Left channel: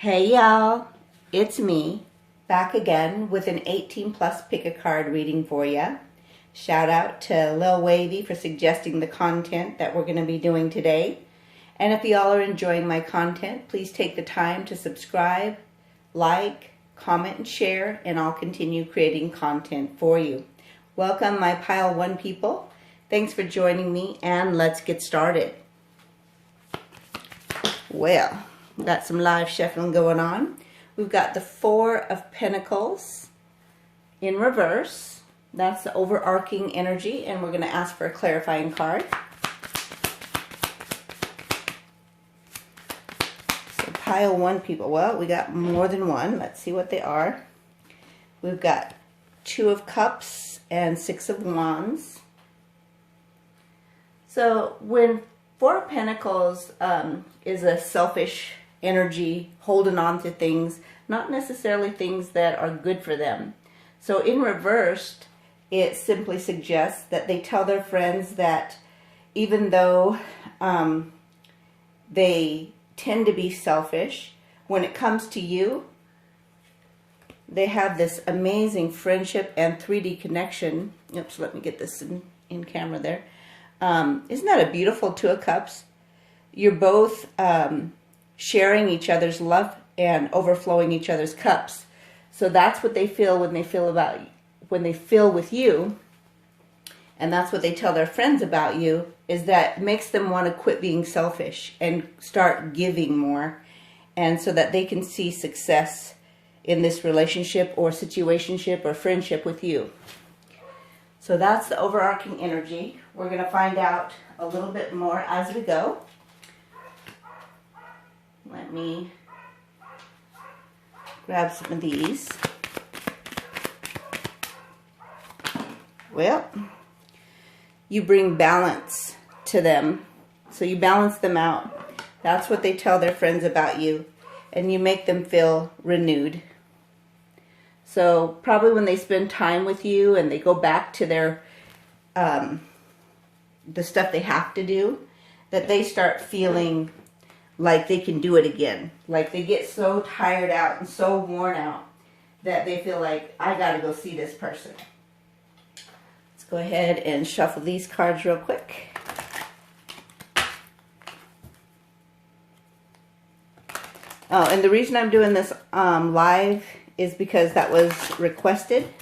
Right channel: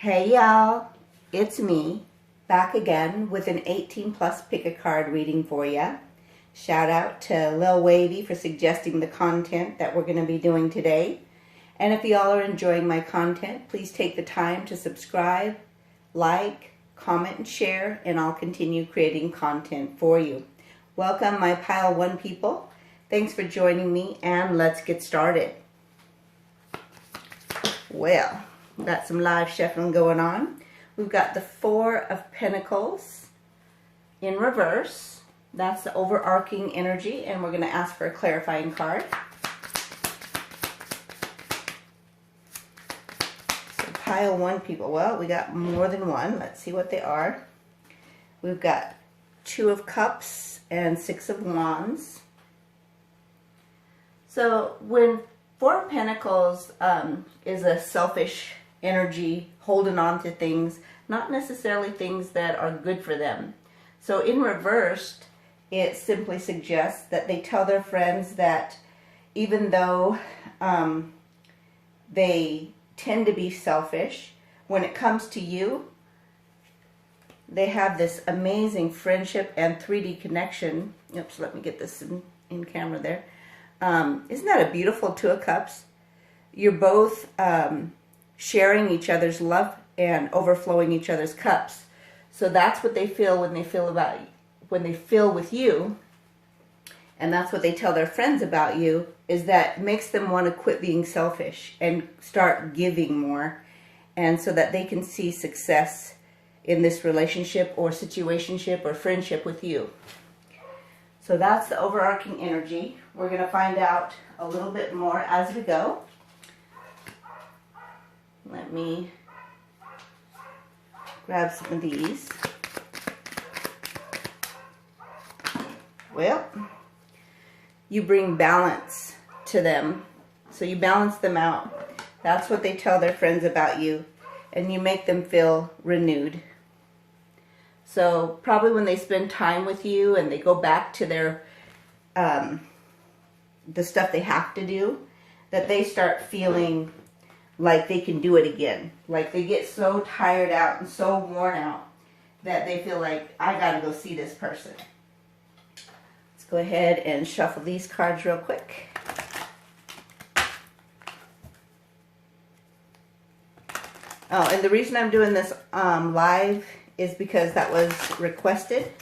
Hey y'all, it's me, back again with an 18 plus pick a card reading for ya. Shout out to Lil Wavy for suggesting the content that we're going to be doing today. And if y'all are enjoying my content, please take the time to subscribe, like, comment, and share, and I'll continue creating content for you. Welcome my Pile 1 people. Thanks for joining me, and let's get started. Well, got some live shuffling going on. We've got the Four of Pentacles in reverse. That's the overarching energy, and we're going to ask for a clarifying card. So Pile 1 people. Well, we got more than one. Let's see what they are. We've got Two of Cups and Six of Wands. So when Four of Pentacles is a selfish energy, holding on to things, not necessarily things that are good for them. So in reversed, it simply suggests that they tell their friends that even though they tend to be selfish, when it comes to you, they have this amazing friendship and 3D connection. Oops, let me get this in camera there. Isn't that a beautiful Two of Cups? You're both sharing each other's love and overflowing each other's cups. So that's what they feel when they feel with you, and that's what they tell their friends about you, is that makes them want to quit being selfish and start giving more, and so that they can see success in this relationship or situationship or friendship with you. So that's the overarching energy. We're going to find out a little bit more as we go. Let me grab some of these. Well, you bring balance to them. So you balance them out. That's what they tell their friends about you. And you make them feel renewed. So probably when they spend time with you and they go back to their the stuff they have to do, that they start feeling like they can do it again. Like they get so tired out and so worn out that they feel like, I gotta go see this person. Let's go ahead and shuffle these cards real quick. Oh, and the reason I'm doing this live is because that was requested.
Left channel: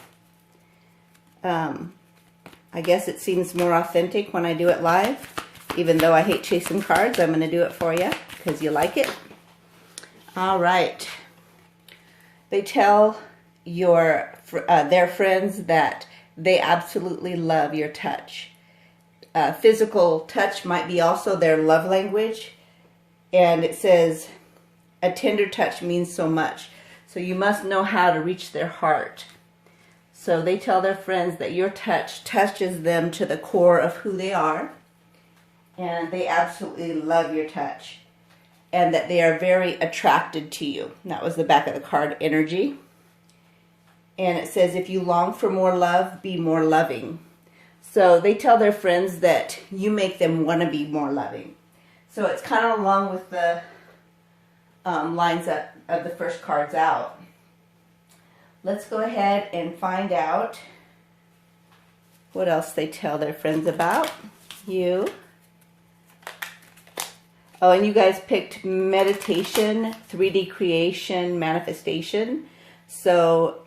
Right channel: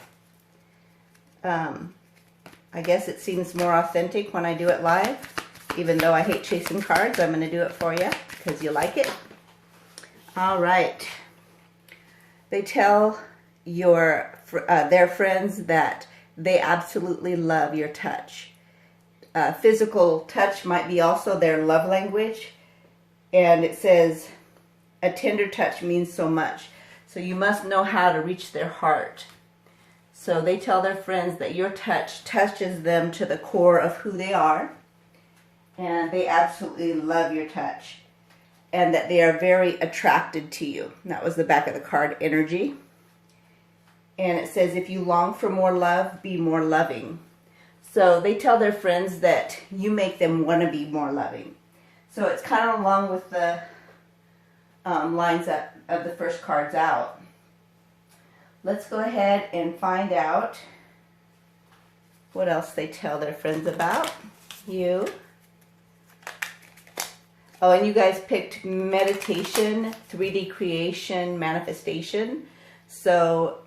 I guess it seems more authentic when I do it live. Even though I hate chasing cards, I'm going to do it for you because you like it. All right. They tell their friends that they absolutely love your touch. Physical touch might be also their love language. And it says, a tender touch means so much. So you must know how to reach their heart. So they tell their friends that your touch touches them to the core of who they are. And they absolutely love your touch. And that they are very attracted to you. That was the back of the card energy. And it says, if you long for more love, be more loving. So they tell their friends that you make them want to be more loving. So it's kind of along with the lines of the first cards out. Let's go ahead and find out what else they tell their friends about you. Oh, and you guys picked meditation, 3D creation, manifestation. So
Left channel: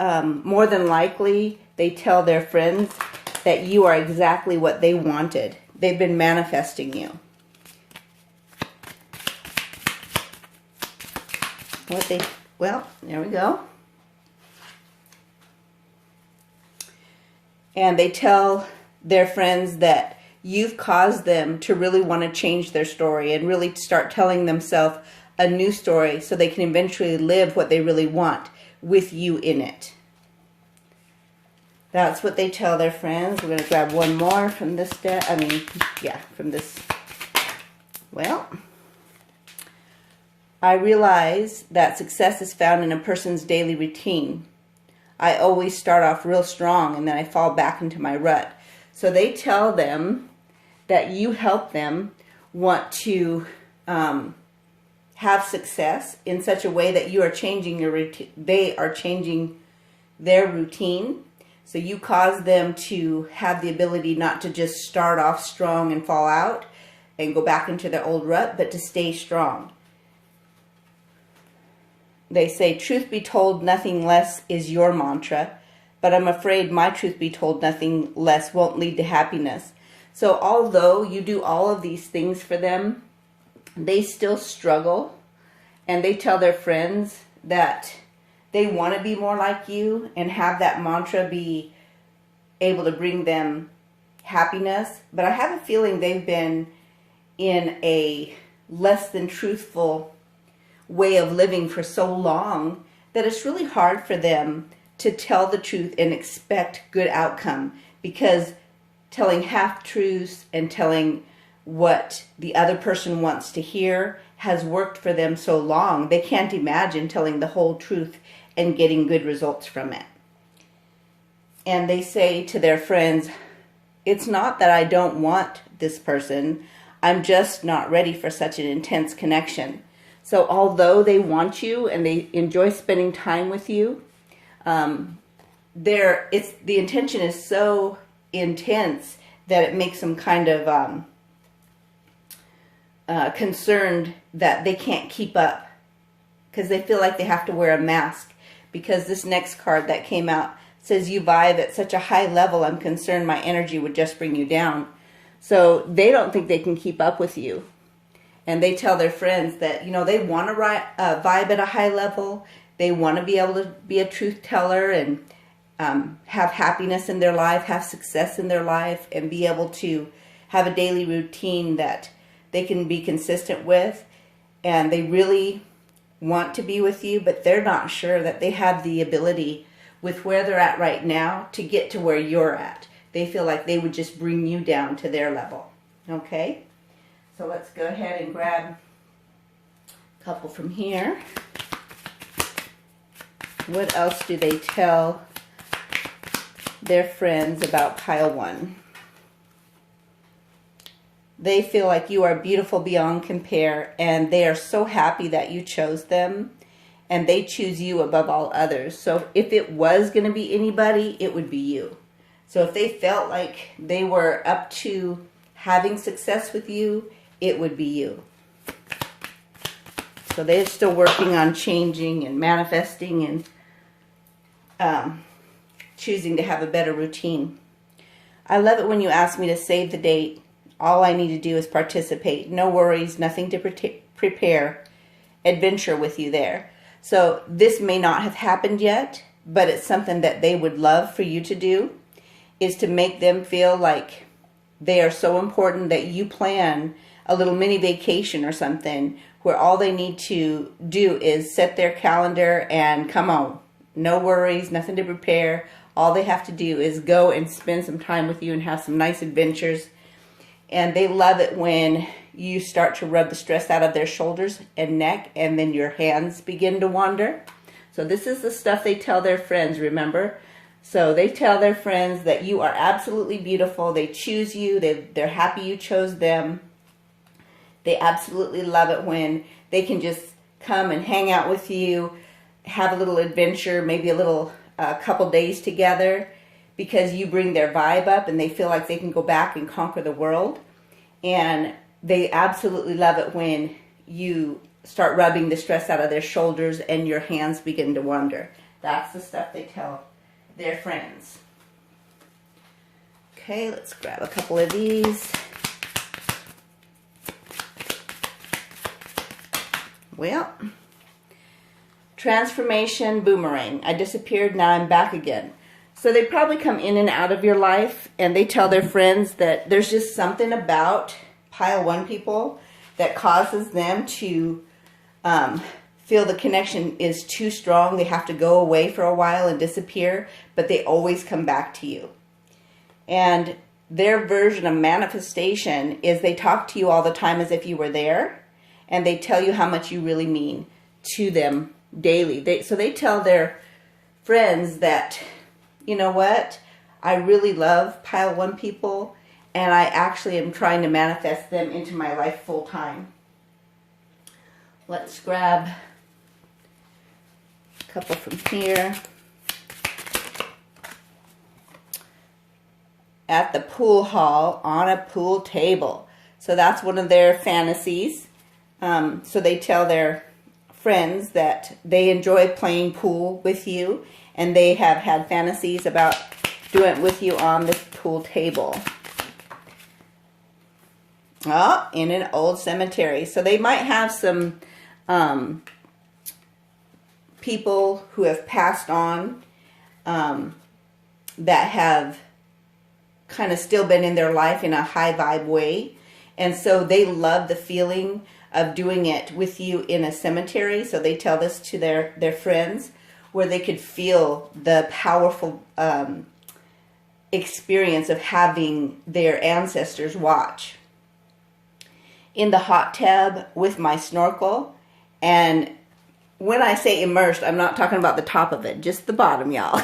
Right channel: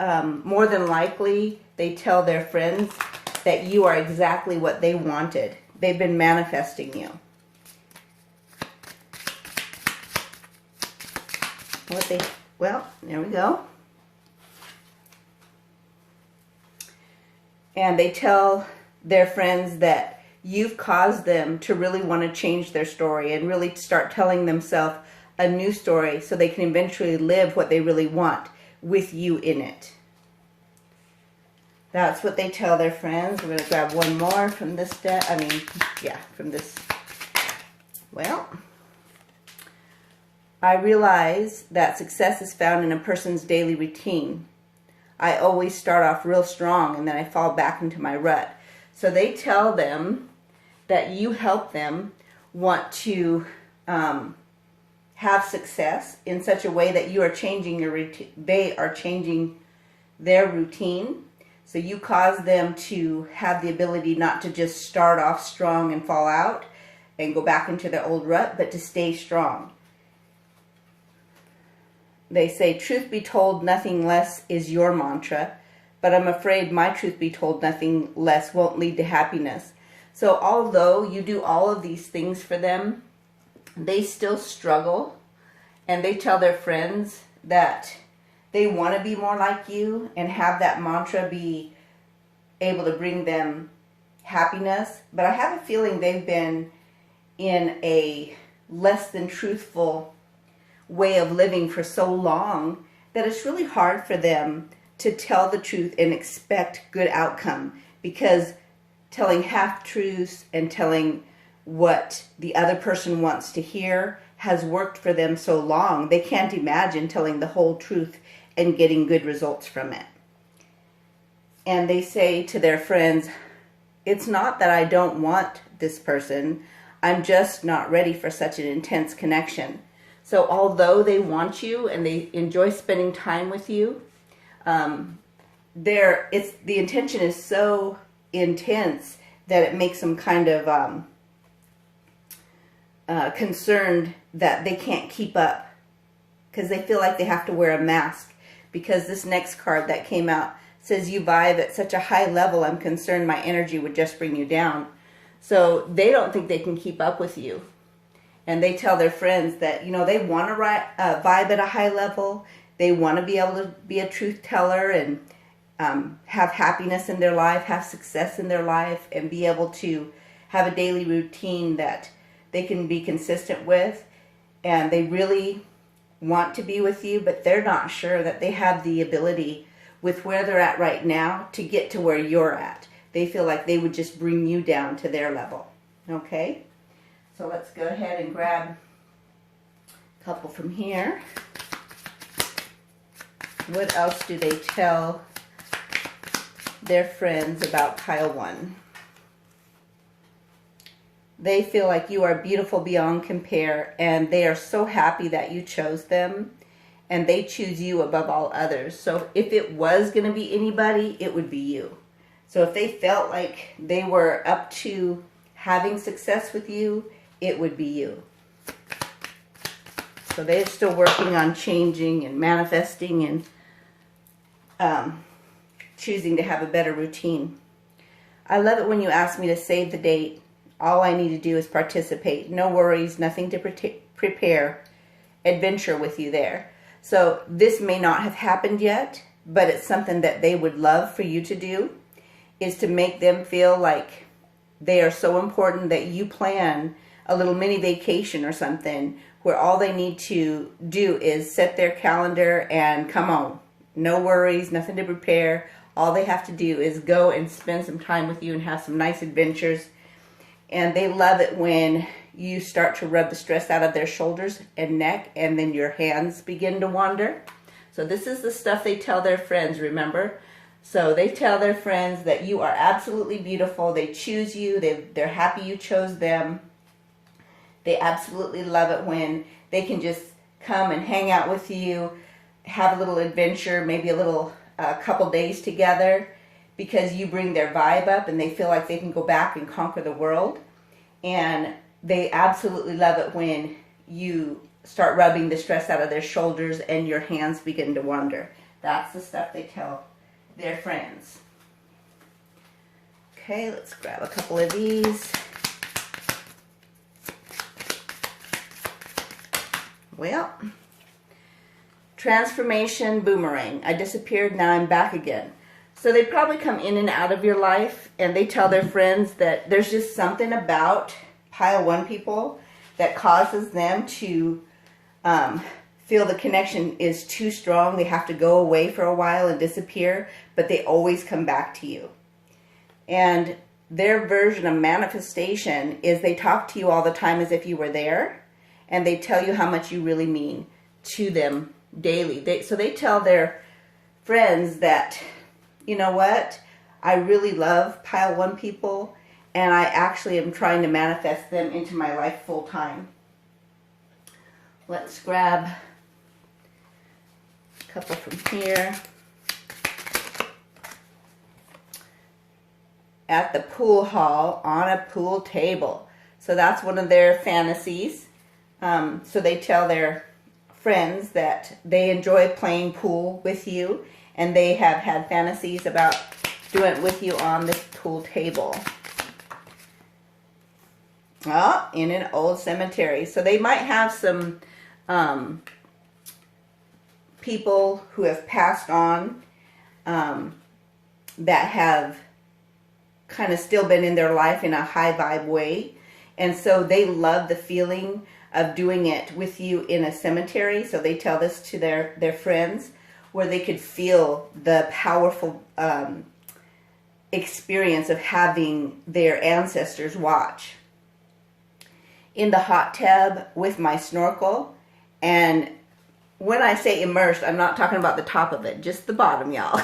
more than likely, they tell their friends that you are exactly what they wanted. They've been manifesting you. Well, there we go. And they tell their friends that you've caused them to really want to change their story and really start telling themselves a new story so they can eventually live what they really want with you in it. That's what they tell their friends. We're going to grab one more from this deck. From this. Well, I realize that success is found in a person's daily routine. I always start off real strong and then I fall back into my rut. So they tell them that you help them want to have success in such a way that you are changing your routine. They are changing their routine. So you cause them to have the ability not to just start off strong and fall out and go back into their old rut, but to stay strong. They say, truth be told, nothing less is your mantra, but I'm afraid my truth be told, nothing less won't lead to happiness. So although you do all of these things for them, they still struggle, and they tell their friends that they want to be more like you and have that mantra be able to bring them happiness. But I have a feeling they've been in a less than truthful way of living for so long that it's really hard for them to tell the truth and expect good outcome, because telling half-truths and telling what the other person wants to hear has worked for them so long, they can't imagine telling the whole truth and getting good results from it. And they say to their friends, it's not that I don't want this person, I'm just not ready for such an intense connection. So although they want you and they enjoy spending time with you, the intention is so intense that it makes them kind of concerned that they can't keep up, because they feel like they have to wear a mask. Because this next card that came out says, you vibe at such a high level, I'm concerned my energy would just bring you down. So they don't think they can keep up with you. And they tell their friends that, they want to vibe at a high level. They want to be able to be a truth teller and have happiness in their life, have success in their life, and be able to have a daily routine that they can be consistent with. And they really want to be with you, but they're not sure that they have the ability with where they're at right now to get to where you're at. They feel like they would just bring you down to their level. Okay? So let's go ahead and grab a couple from here. What else do they tell their friends about pile 1? They feel like you are beautiful beyond compare, and they are so happy that you chose them, and they choose you above all others. So if it was going to be anybody, it would be you. So if they felt like they were up to having success with you, it would be you. So they're still working on changing and manifesting and choosing to have a better routine. I love it when you ask me to save the date. All I need to do is participate. No worries, nothing to prepare. Adventure with you there. So this may not have happened yet, but it's something that they would love for you to do, is to make them feel like they are so important that you plan a little mini vacation or something where all they need to do is set their calendar and come on. No worries, nothing to prepare. All they have to do is go and spend some time with you and have some nice adventures. And they love it when you start to rub the stress out of their shoulders and neck, and then your hands begin to wander. So this is the stuff they tell their friends, remember? So they tell their friends that you are absolutely beautiful. They choose you. They're happy you chose them. They absolutely love it when they can just come and hang out with you, have a little adventure, maybe a little couple days together, because you bring their vibe up and they feel like they can go back and conquer the world. And they absolutely love it when you start rubbing the stress out of their shoulders and your hands begin to wander. That's the stuff they tell their friends. Okay, let's grab a couple of these. Well, transformation boomerang. I disappeared, now I'm back again. So they probably come in and out of your life, and they tell their friends that there's just something about pile 1 people that causes them to feel the connection is too strong. They have to go away for a while and disappear, but they always come back to you. And their version of manifestation is they talk to you all the time as if you were there, and they tell you how much you really mean to them daily. So they tell their friends that, you know what, I really love pile 1 people, and I actually am trying to manifest them into my life full time. Let's grab a couple from here. At the pool hall on a pool table. So that's one of their fantasies. So they tell their friends that they enjoy playing pool with you, and they have had fantasies about doing it with you on this pool table. Oh, in an old cemetery. So they might have some people who have passed on that have kind of still been in their life in a high vibe way. And so they love the feeling of doing it with you in a cemetery. So they tell this to their friends, where they could feel the powerful experience of having their ancestors watch. In the hot tub with my snorkel. And when I say immersed, I'm not talking about the top of it, just the bottom, y'all.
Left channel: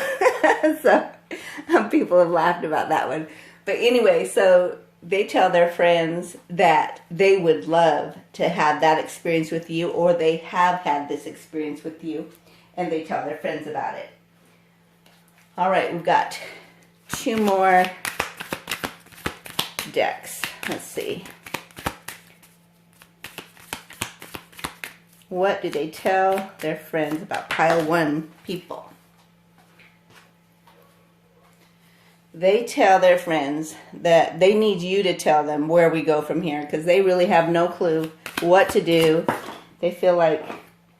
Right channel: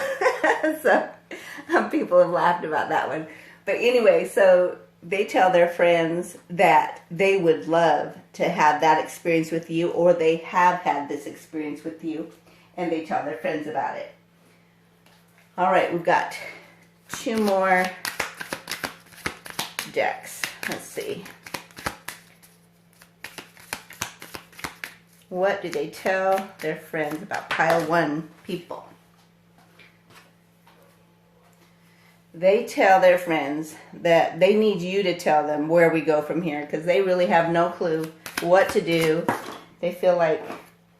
So people have laughed about that one. But anyway, so they tell their friends that they would love to have that experience with you, or they have had this experience with you, and they tell their friends about it. All right, we've got 2 more decks. Let's see. What do they tell their friends about pile 1 people? They tell their friends that they need you to tell them where we go from here, because they really have no clue what to do. They feel like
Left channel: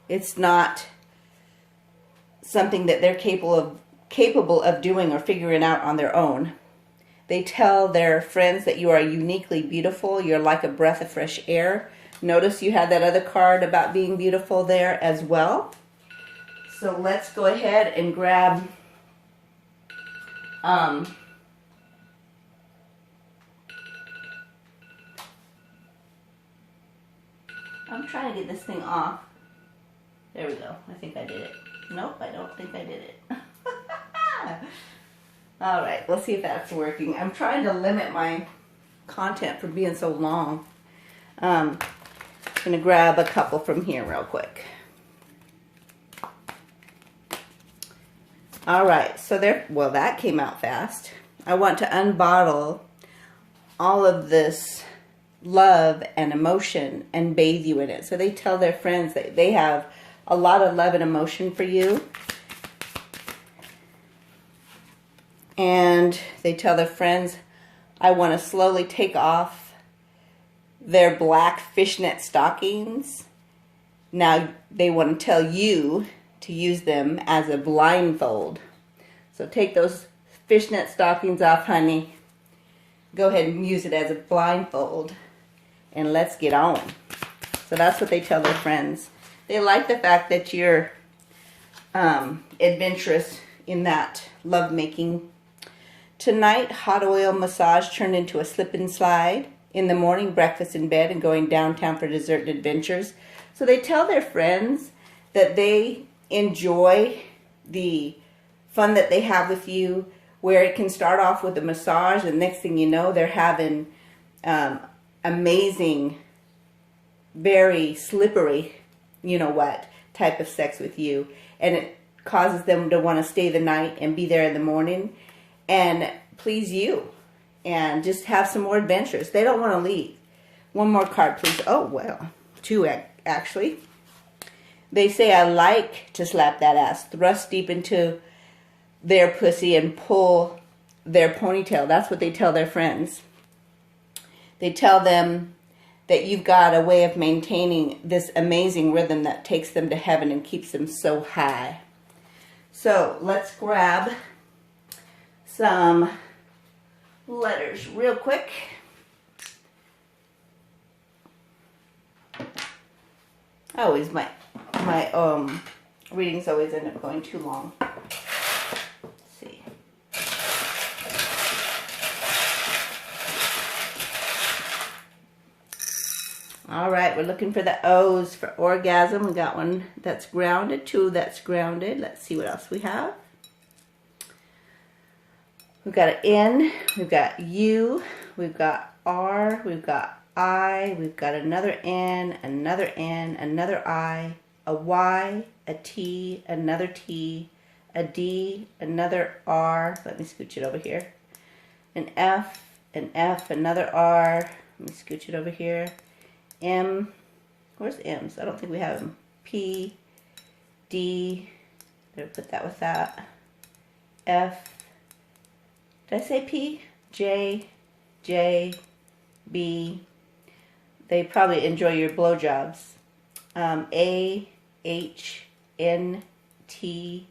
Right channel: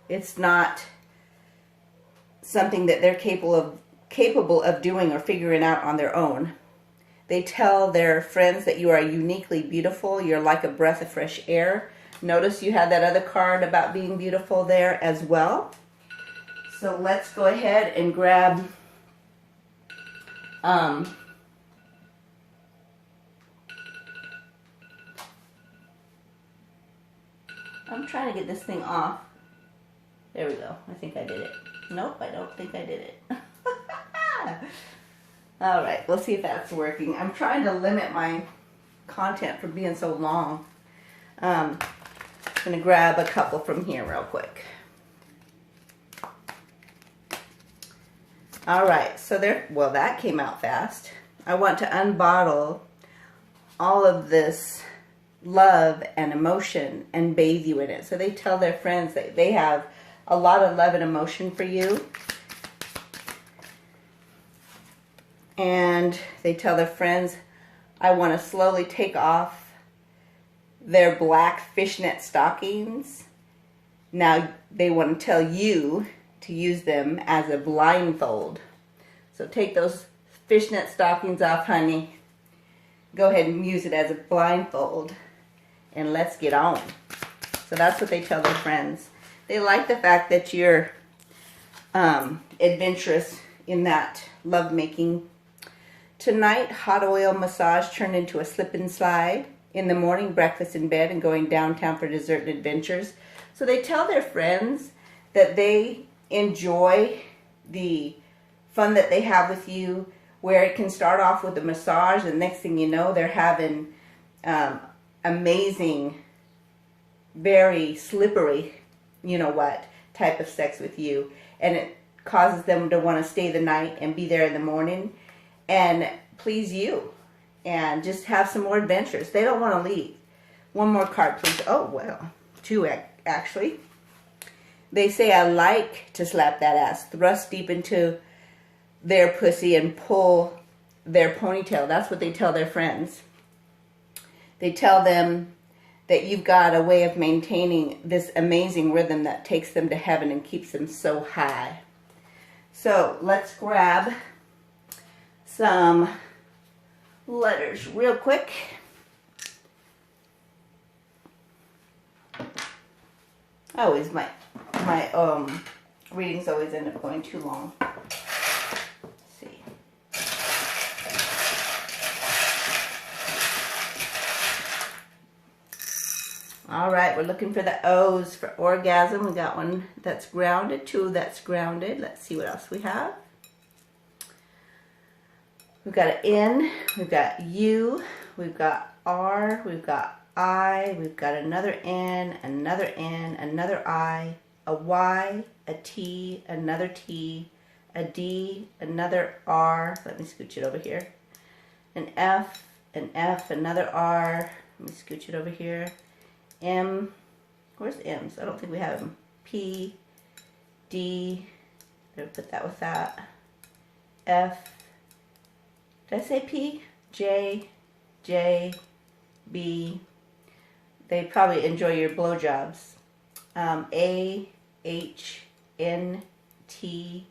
it's not something that they're capable of doing or figuring out on their own. They tell their friends that you are uniquely beautiful. You're like a breath of fresh air. Notice you had that other card about being beautiful there as well. So let's go ahead and grab I'm trying to get this thing off. There we go. I think I did it. Nope, I don't think I did it. All right, we'll see if that's working. I'm trying to limit my content from being so long. I'm going to grab a couple from here real quick. All right, so well, that came out fast. I want to unbottle all of this love and emotion and bathe you in it. So they tell their friends that they have a lot of love and emotion for you. And they tell their friends, I want to slowly take off their black fishnet stockings. Now they want to tell you to use them as a blindfold. So take those fishnet stockings off, honey. Go ahead and use it as a blindfold. And let's get on. So that's what they tell their friends. They like the fact that you're adventurous in that lovemaking. Tonight, hot oil massage turned into a slip and slide. In the morning, breakfast in bed and going downtown for dessert and adventures. So they tell their friends that they enjoy the fun that they have with you, where it can start off with a massage and next thing you know, they're having amazing, very slippery, you know what, type of sex with you. And it causes them to want to stay the night and be there in the morning and please you and just have some more adventures. They don't want to leave. One more card, please. Oh, well, 2 actually. They say, I like to slap that ass, thrust deep into their pussy and pull their ponytail. That's what they tell their friends. They tell them that you've got a way of maintaining this amazing rhythm that takes them to heaven and keeps them so high. So let's grab some letters real quick. Always my readings always end up going too long. Let's see. All right, we're looking for the O's for orgasm. We got one that's grounded, 2 that's grounded. Let's see what else we have. We've got an N, we've got U, we've got R, we've got I, we've got another N, another I, a Y, a T, another T, a D, another R. Let me scooch it over here. An F, another R. Let me scooch it over here. M, where's M's? I don't think we have them. P, D, better put that with that. F, did I say P? J, B, they probably enjoy your blowjobs. A, H, N, T,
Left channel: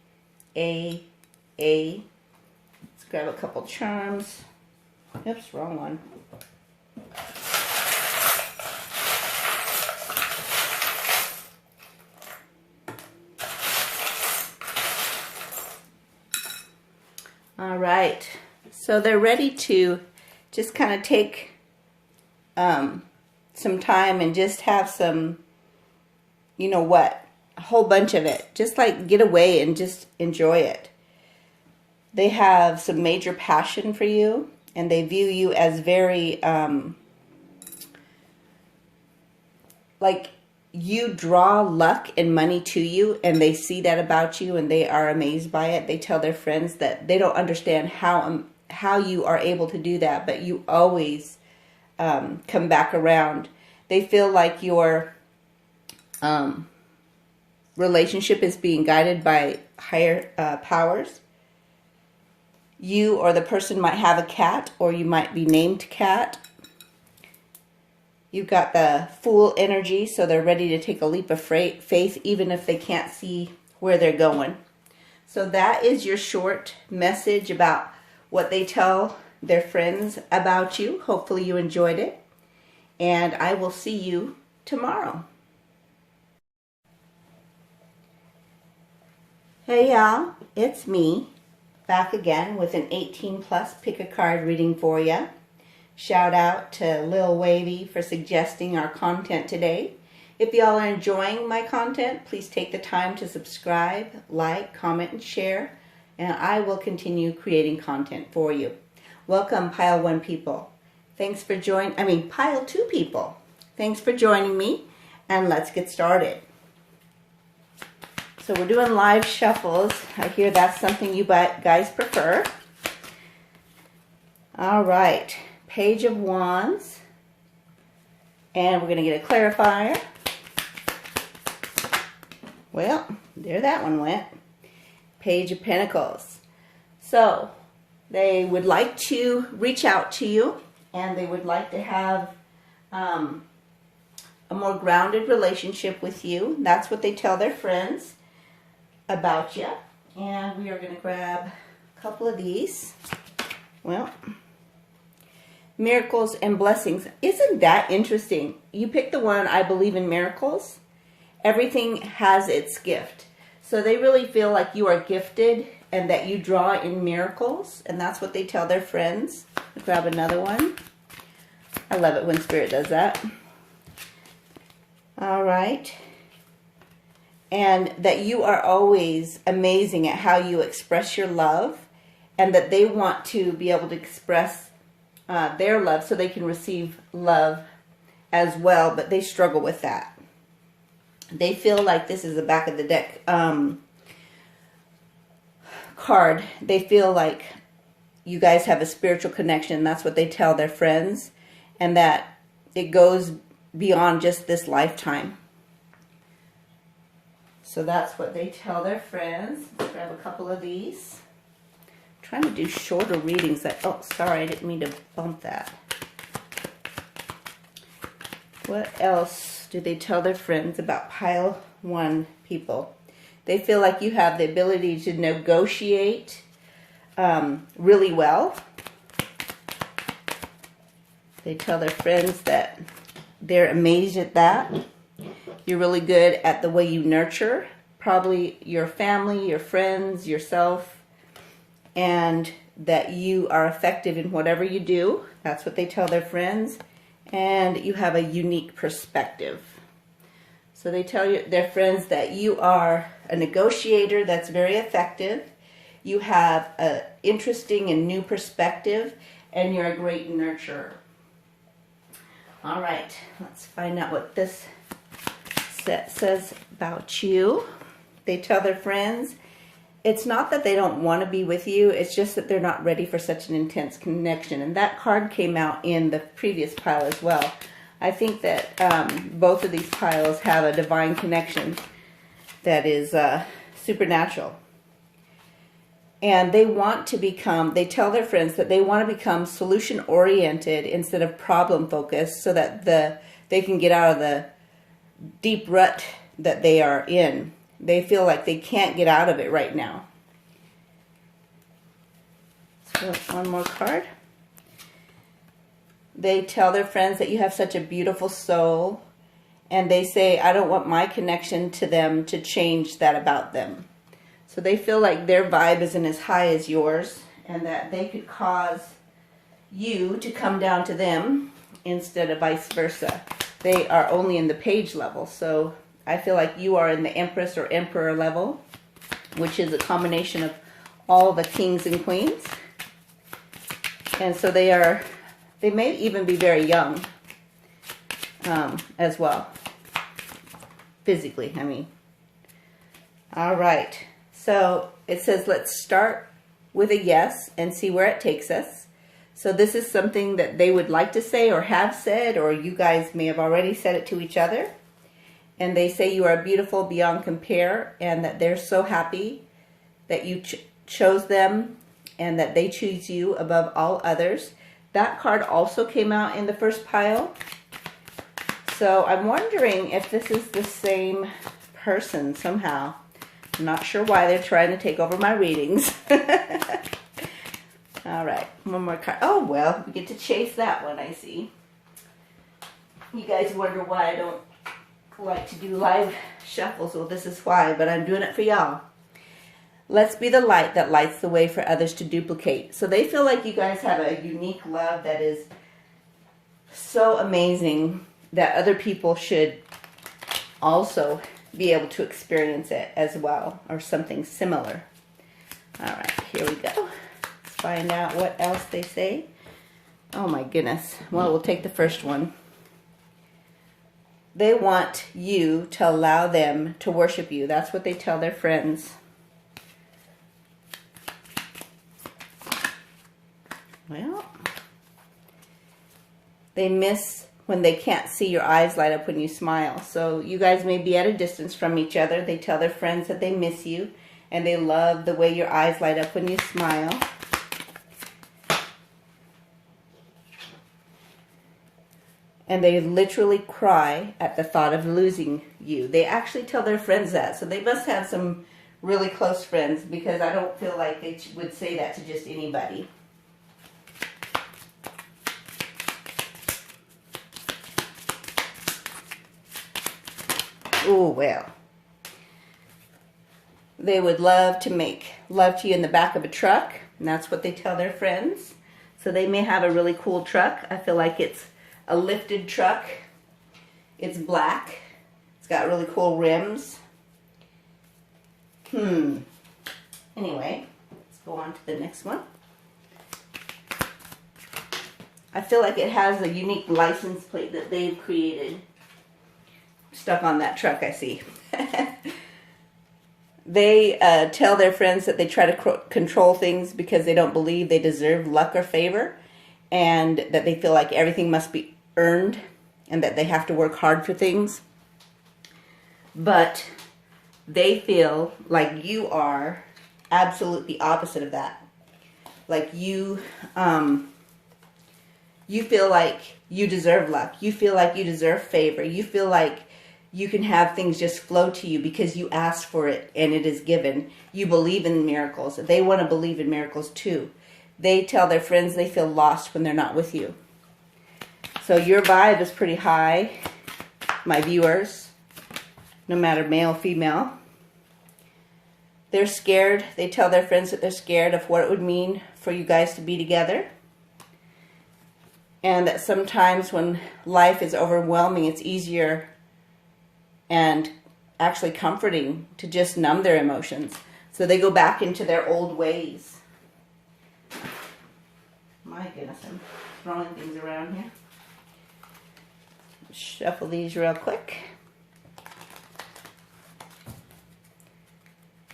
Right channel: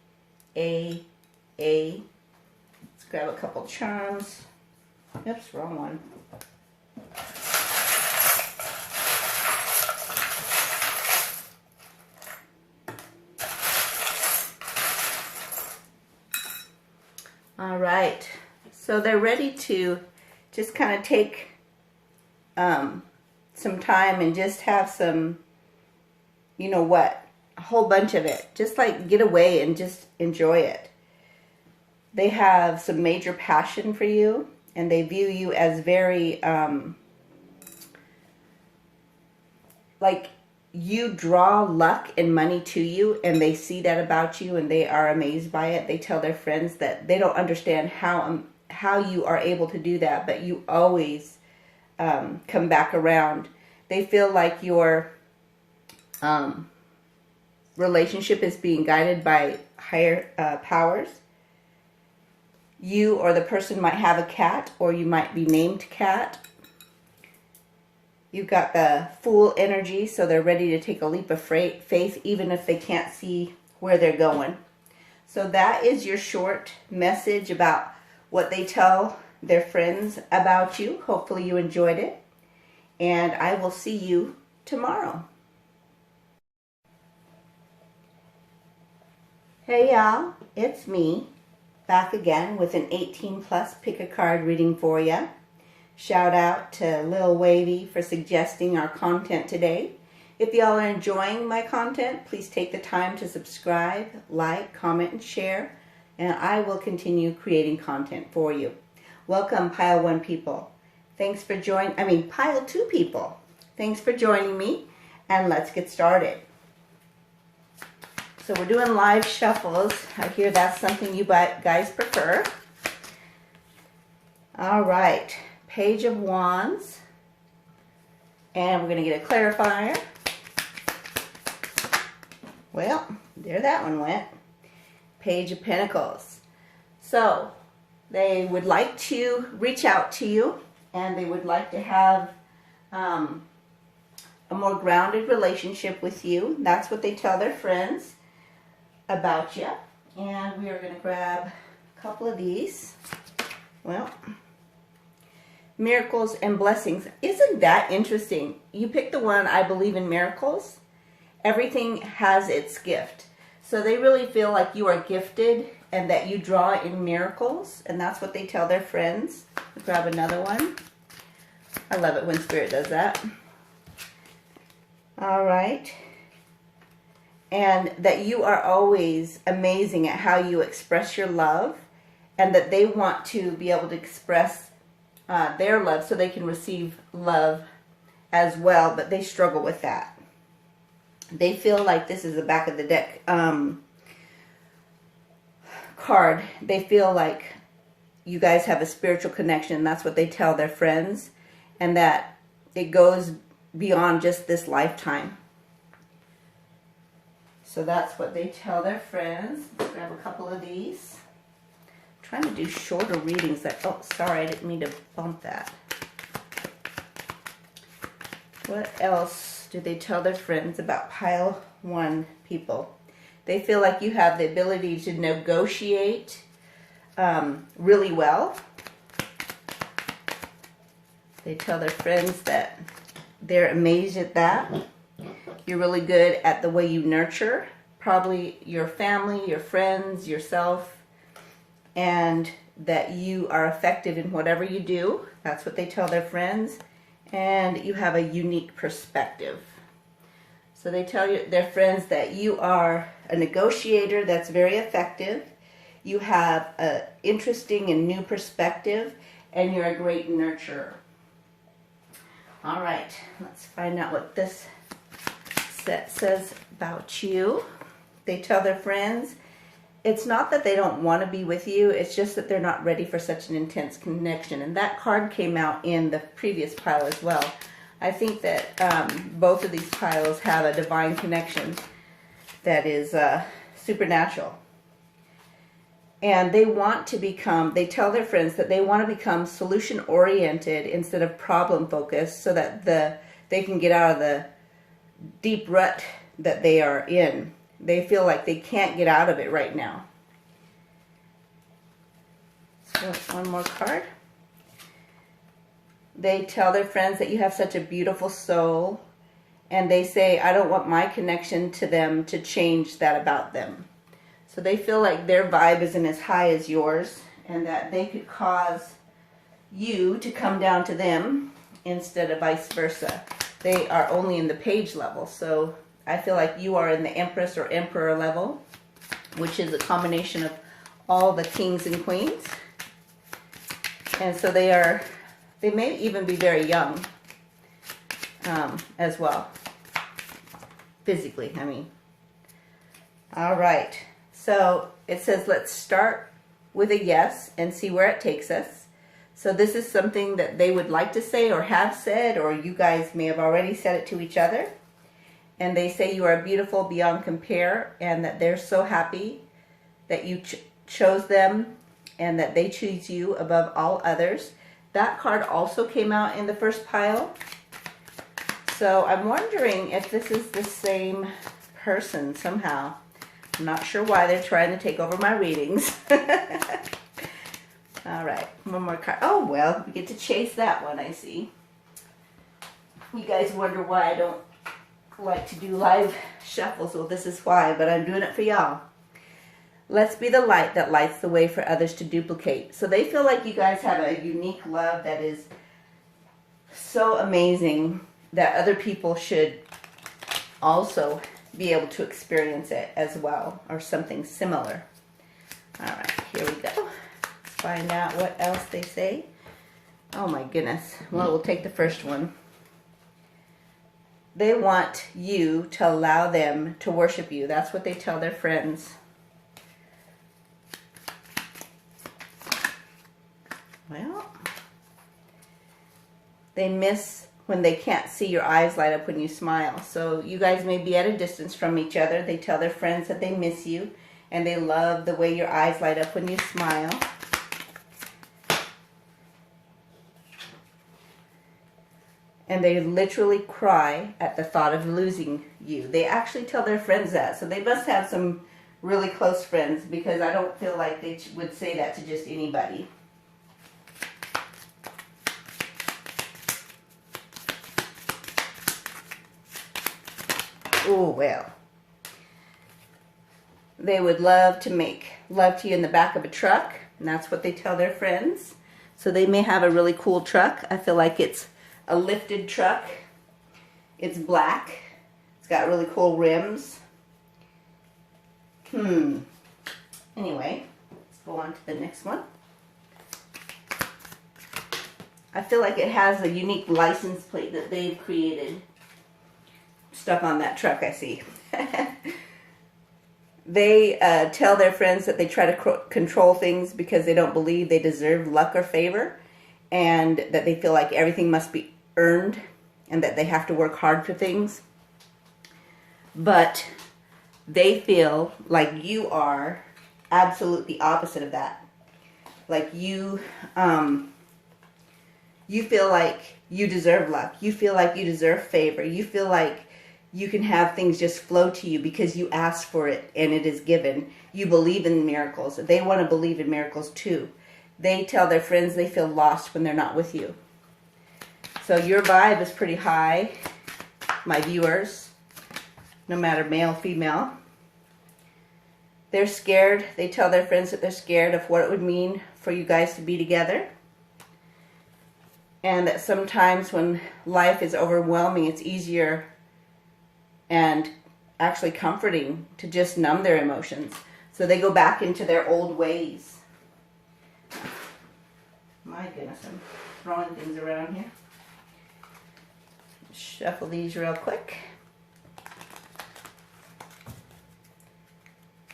A. Let's grab a couple charms. Oops, wrong one. All right, so they're ready to just kind of take some time and just have some, you know what, a whole bunch of it. Just like get away and just enjoy it. They have some major passion for you, and they view you as very, like you draw luck and money to you, and they see that about you and they are amazed by it. They tell their friends that they don't understand how you are able to do that, but you always come back around. They feel like your relationship is being guided by higher powers. You or the person might have a cat, or you might be named Cat. You've got the Fool energy, so they're ready to take a leap of faith even if they can't see where they're going. So that is your short message about what they tell their friends about you. Hopefully you enjoyed it, and I will see you tomorrow. Hey y'all, it's me, back again with an 18+ pick-a-card reading for you. Shout out to Lil Wavy for suggesting our content today. If y'all are enjoying my content, please take the time to subscribe, like, comment, and share, and I will continue creating content for you. Welcome, Pile 1 people. Thanks for Pile 2 people. Thanks for joining me, and let's get started. So we're doing live shuffles. I hear that's something you guys prefer. All right. Page of Wands, and we're going to get a clarifier. Well, there that one went. Page of Pentacles. So they would like to reach out to you, and they would like to have a more grounded relationship with you. That's what they tell their friends about you. And we are going to grab a couple of these. Well, miracles and blessings. Isn't that interesting? You pick the one, I believe in miracles. Everything has its gift. So they really feel like you are gifted and that you draw in miracles. And that's what they tell their friends. Let's grab another one. I love it when Spirit does that. All right. And that you are always amazing at how you express your love. And that they want to be able to express their love so they can receive love as well, but they struggle with that. They feel like this is the back of the deck card. They feel like you guys have a spiritual connection. That's what they tell their friends, and that it goes beyond just this lifetime. So that's what they tell their friends. Let's grab a couple of these. Trying to do shorter readings. Oh, sorry, I didn't mean to bump that. What else do they tell their friends about Pile 1 people? They feel like you have the ability to negotiate really well. They tell their friends that they're amazed at that. You're really good at the way you nurture, probably your family, your friends, yourself. And that you are effective in whatever you do. That's what they tell their friends. And you have a unique perspective. So they tell their friends that you are a negotiator that's very effective. You have an interesting and new perspective. And you're a great nurturer. All right, let's find out what this set says about you. They tell their friends, it's not that they don't want to be with you, it's just that they're not ready for such an intense connection. And that card came out in the previous pile as well. I think that both of these piles have a divine connection that is supernatural. And they want to become, they tell their friends that they want to become solution-oriented instead of problem-focused so that they can get out of the deep rut that they are in. They feel like they can't get out of it right now. So one more card. They tell their friends that you have such a beautiful soul, and they say, I don't want my connection to them to change that about them. So they feel like their vibe isn't as high as yours, and that they could cause you to come down to them instead of vice versa. They are only in the page level, so I feel like you are in the Empress or Emperor level, which is a combination of all the kings and queens. And so they may even be very young as well. Physically, I mean. All right. So it says, let's start with a yes and see where it takes us. So this is something that they would like to say or have said, or you guys may have already said it to each other. And they say you are beautiful beyond compare, and that they're so happy that you chose them and that they choose you above all others. That card also came out in the first pile. So I'm wondering if this is the same person somehow. I'm not sure why they're trying to take over my readings. All right, one more card. Oh, well, we get to chase that one, I see. You guys wonder why I don't like to do live shuffles. Well, this is why, but I'm doing it for y'all. Let's be the light that lights the way for others to duplicate. So they feel like you guys have a unique love that is so amazing that other people should also be able to experience it as well, or something similar. All right, here we go. Let's find out what else they say. Oh my goodness. Well, we'll take the first one. They want you to allow them to worship you. That's what they tell their friends. Well, they miss when they can't see your eyes light up when you smile. So you guys may be at a distance from each other. They tell their friends that they miss you, and they love the way your eyes light up when you smile. And they literally cry at the thought of losing you. They actually tell their friends that. So they must have some really close friends, because I don't feel like they would say that to just anybody. Oh, well. They would love to make love to you in the back of a truck, and that's what they tell their friends. So they may have a really cool truck. I feel like it's a lifted truck. It's black. It's got really cool rims. Anyway, let's go on to the next one. I feel like it has a unique license plate that they've created. Stuck on that truck, I see. They tell their friends that they try to control things because they don't believe they deserve luck or favor, and that they feel like everything must be earned and that they have to work hard for things. But they feel like you are absolutely opposite of that. Like you feel like you deserve luck. You feel like you deserve favor. You feel like you can have things just flow to you because you asked for it and it is given. You believe in miracles. They want to believe in miracles too. They tell their friends they feel lost when they're not with you. So your vibe is pretty high, my viewers, no matter male, female. They're scared. They tell their friends that they're scared of what it would mean for you guys to be together. And that sometimes when life is overwhelming, it's easier and actually comforting to just numb their emotions. So they go back into their old ways. My goodness, I'm throwing things around here. shuffle these real quick.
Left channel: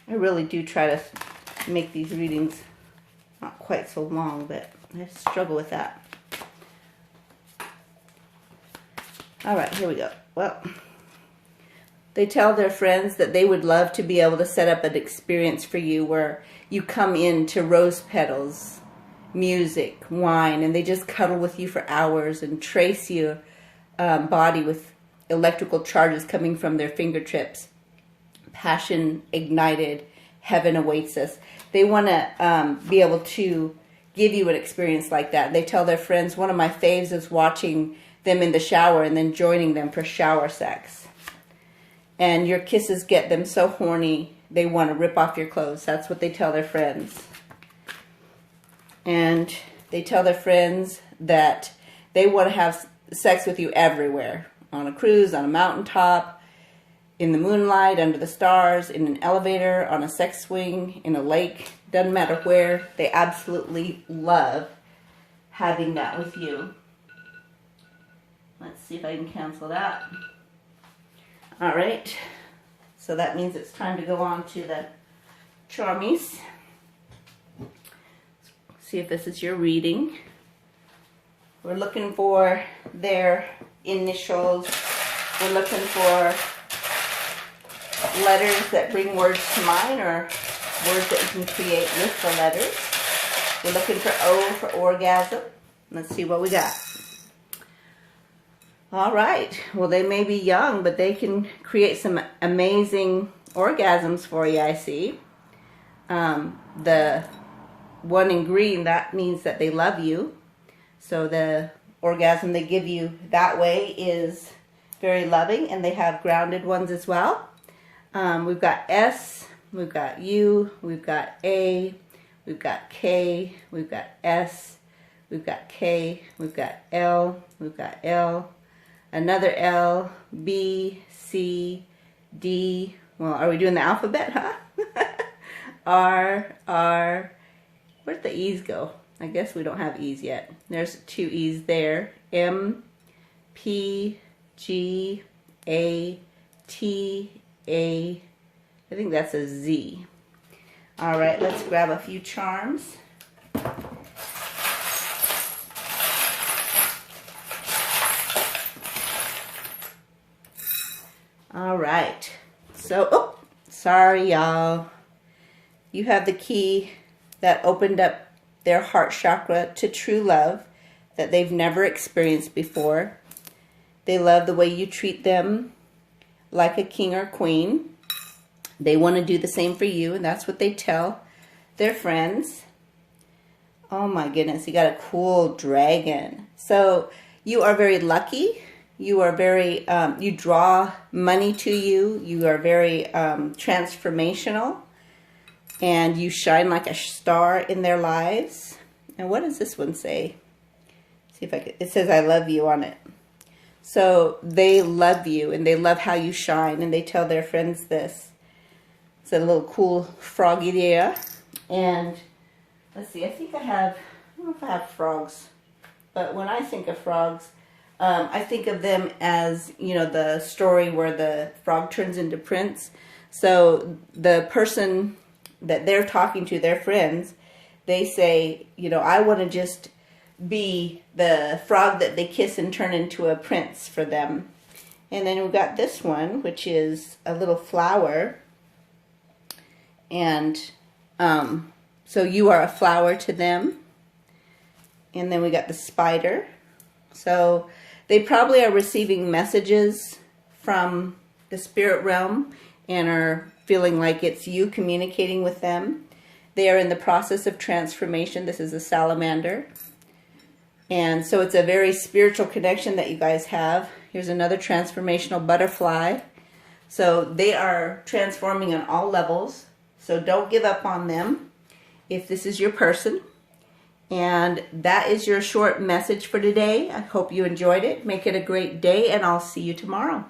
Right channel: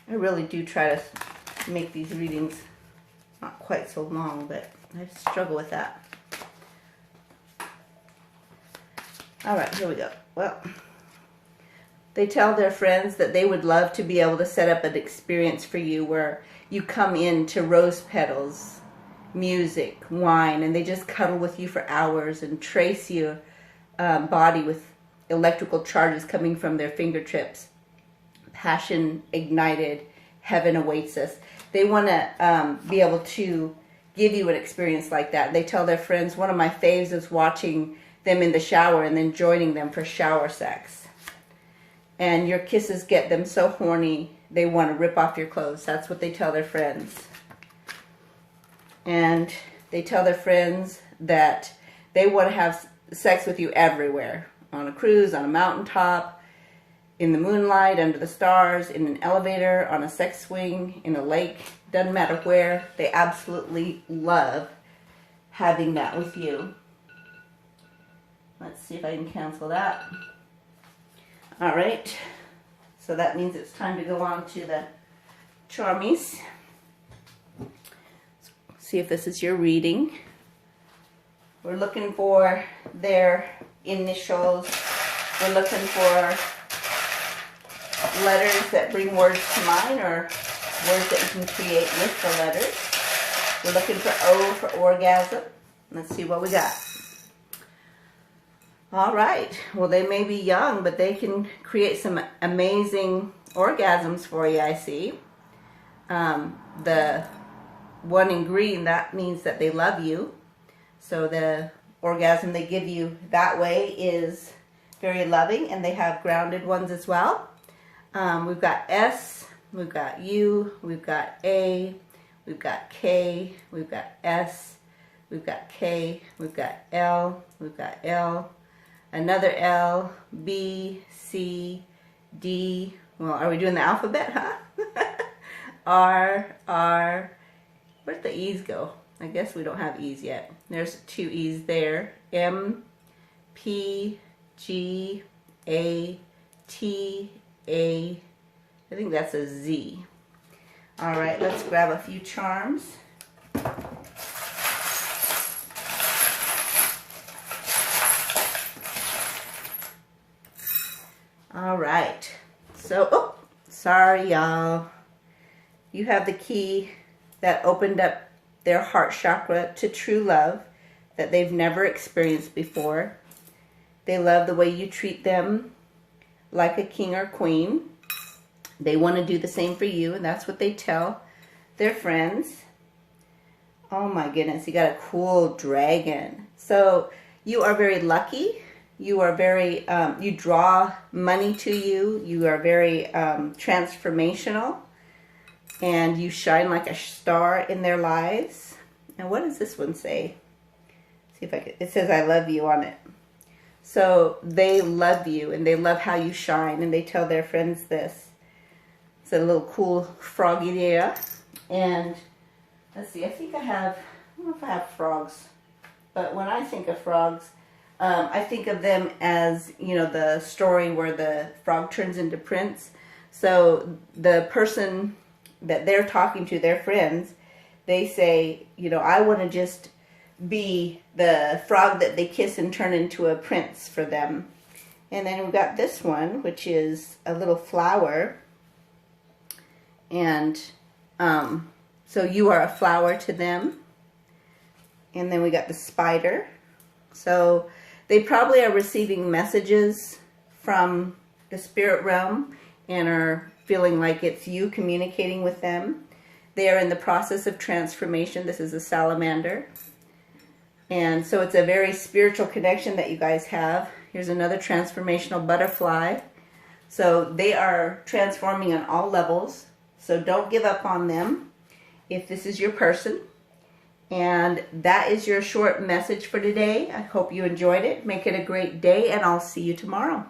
I really do try to make these readings not quite so long, but I struggle with that. All right, here we go. Well, they tell their friends that they would love to be able to set up an experience for you where you come in to rose petals, music, wine, and they just cuddle with you for hours and trace your body with electrical charges coming from their fingertips. Passion ignited, heaven awaits us. They want to be able to give you an experience like that. They tell their friends, one of my faves is watching them in the shower and then joining them for shower sex. And your kisses get them so horny, they want to rip off your clothes. That's what they tell their friends. And they tell their friends that they want to have sex with you everywhere. On a cruise, on a mountaintop, in the moonlight, under the stars, in an elevator, on a sex swing, in a lake. Doesn't matter where. They absolutely love having that with you. Let's see if I can cancel that. All right. So that means it's time to go on to the charmies. See if this is your reading. We're looking for their initials. We're looking for letters that bring words to mind, or words that you can create with the letters. We're looking for O for orgasm. Let's see what we got. All right. Well, they may be young, but they can create some amazing orgasms for you, I see. The one in green, that means that they love you. So the orgasm they give you that way is very loving, and they have grounded ones as well. We've got S, we've got U, we've got A, we've got K, we've got S, we've got K, we've got L, we've got L, another L, B, C, D. Well, are we doing the alphabet, huh? R, where'd the E's go? I guess we don't have E's yet. There's 2 E's there. M, P, G, A, T, A. I think that's a Z. All right, let's grab a few charms. All right. So, oh, sorry, y'all. You have the key that opened up their heart chakra to true love that they've never experienced before. They love the way you treat them like a king or queen. They want to do the same for you, and that's what they tell their friends. Oh my goodness, you got a cool dragon. So you are very lucky. You are very, you draw money to you. You are very transformational. And you shine like a star in their lives. And what does this one say? See if I can, it says I love you on it. So they love you, and they love how you shine, and they tell their friends this. It's a little cool froggy there. And let's see, I think I don't know if I have frogs, but when I think of frogs, I think of them as, you know, the story where the frog turns into prince. So the person that they're talking to, their friends, they say, you know, I want to just be the frog that they kiss and turn into a prince for them. And then we've got this one, which is a little flower. And so you are a flower to them. And then we got the spider. So they probably are receiving messages from the spirit realm and are feeling like it's you communicating with them. They are in the process of transformation. This is a salamander. And so it's a very spiritual connection that you guys have. Here's another transformational butterfly. So they are transforming on all levels. So don't give up on them if this is your person. And that is your short message for today. I hope you enjoyed it. Make it a great day, and I'll see you tomorrow.